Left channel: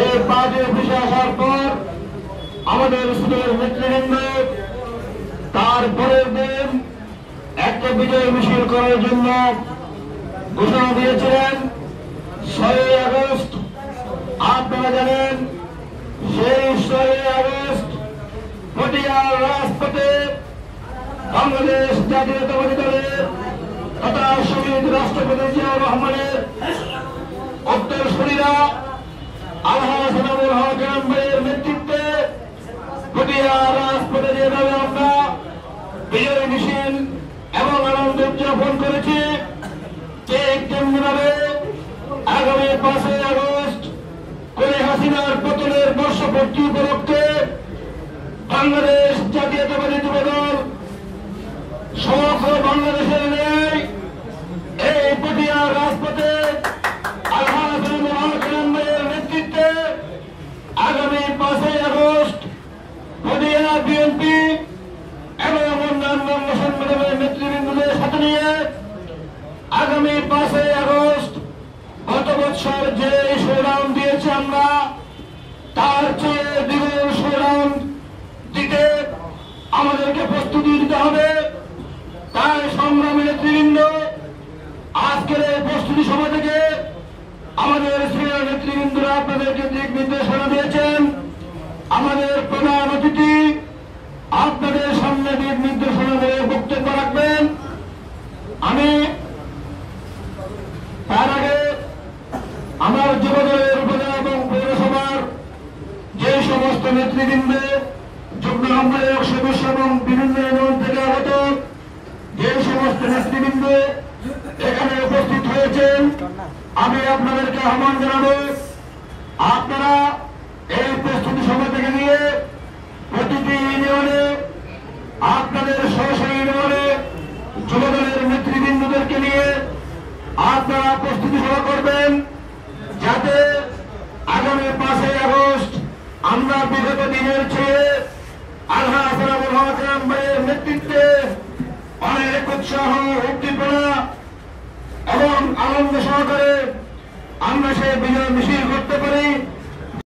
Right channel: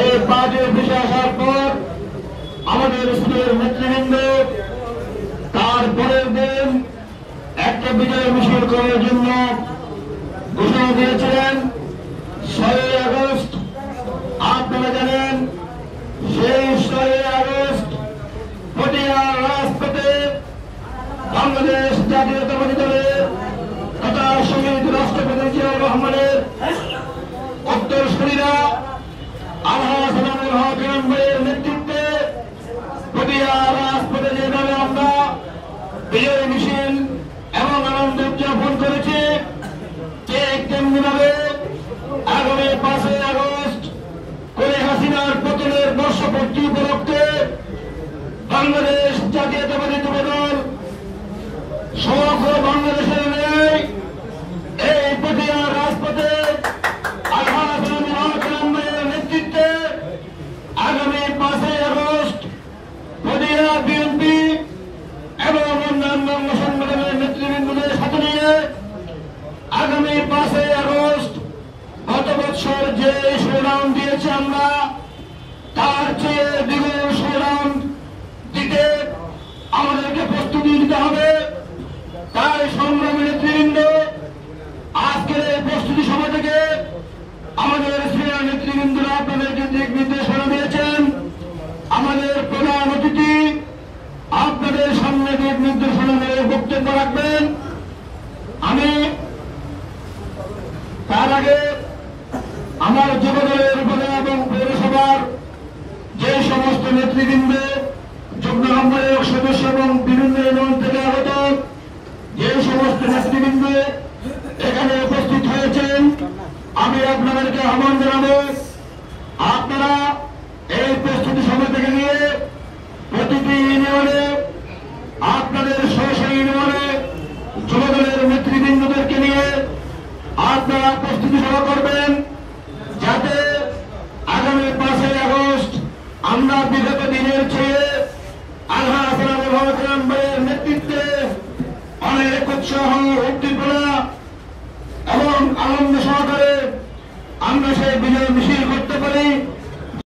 এই পার্টি অফিসে আসার পর আমাদের স্কুলের নেতৃবৃন্দ তারপরের দিন একটা বিজয় মিছিল করার জন্য ঘোষণা দিয়েছিলেন 6ই আগস্ট। আপনারা জানেন সেই 6ই আগস্ট পটিয়ার রাজপথে বাংলাদেশ জাতীয়তাবাদী দলের তথা শহীদ রাষ্ট্রপতি জিয়াউর রহমানের উত্তরসূরিরা আলহাজ আনোয়ারুল হক ভাইয়ের নেতৃত্বে পটিয়ার রাজপথে যেভাবে আমরা বিজয় মিছিল এবং আনন্দ উদযাপন করেছি, ঠিক তেমনিভাবে আগামী 5ই আগস্ট কোলে হাসিনার পতনের বর্ষপূর্তি উপলক্ষে বাংলাদেশ জাতীয়তাবাদী যুবদল সমগ্র বাংলাদেশের নেই এই পটিয়ার রাজপথে আলহাজ আনোয়ারুল হক ভাইয়ের নেতৃত্বে আগামী 5ই আগস্ট পটিয়া বিএনপি এবং অন্যান্য সংগঠনের নেতৃবৃন্দদের সাথে নিয়ে আগামী 5ই আগস্ট গত বছর যে সংগ্রাম দিয়েছি আমরা তার চেয়ে দ্বিগুণ সংগ্রাম দিতে আমাদেরকে প্রস্তুতি নিতে হবে। তাই সংগ্রামী নেতৃবৃন্দ আজকের এই প্রস্তুতি সভা থেকে আমাদের সিনিয়র নেতৃবৃন্দরা আপনাদেরকে দিক নির্দেশনা দিয়েছেন। আমাদের প্রধান অতিথি আপনাদের সামনে দিক নির্দেশনা দিয়ে বক্তব্য রাখবেন। আমি তার আগে আমার যুবদলের উপজেলা এবং পৌরসভার যে সমস্ত নেতৃবৃন্দ, যুগ্ম আহ্বায়ক সদস্য এবং বিভিন্ন ইউনিয়ন থেকে আগত যে সমস্ত নেতৃবৃন্দ এখানে উপস্থিত হয়েছেন, আমি আপনাদেরকে আহ্বান জানাবো আপনারা এই প্রস্তুতি সভা থেকে নিয়ে প্রতিটি ইউনিয়নে আপনাদের সরাসরি ইউনিয়নে যুবদলের নেতৃবৃন্দদেরকে নিয়ে আপনারা প্রস্তুতি সভা করবেন, যাতে আগামী 5ই আগস্ট আমরা বিগত দিনের চেয়ে আলহাজ আনোয়ারুল হক ভাইয়ের নেতৃত্বে অনেক উৎসাহ, উদ্দীপনা এবং আনন্দ সহকারে আমরা সেই বিজয় মিছিল করতে পারি।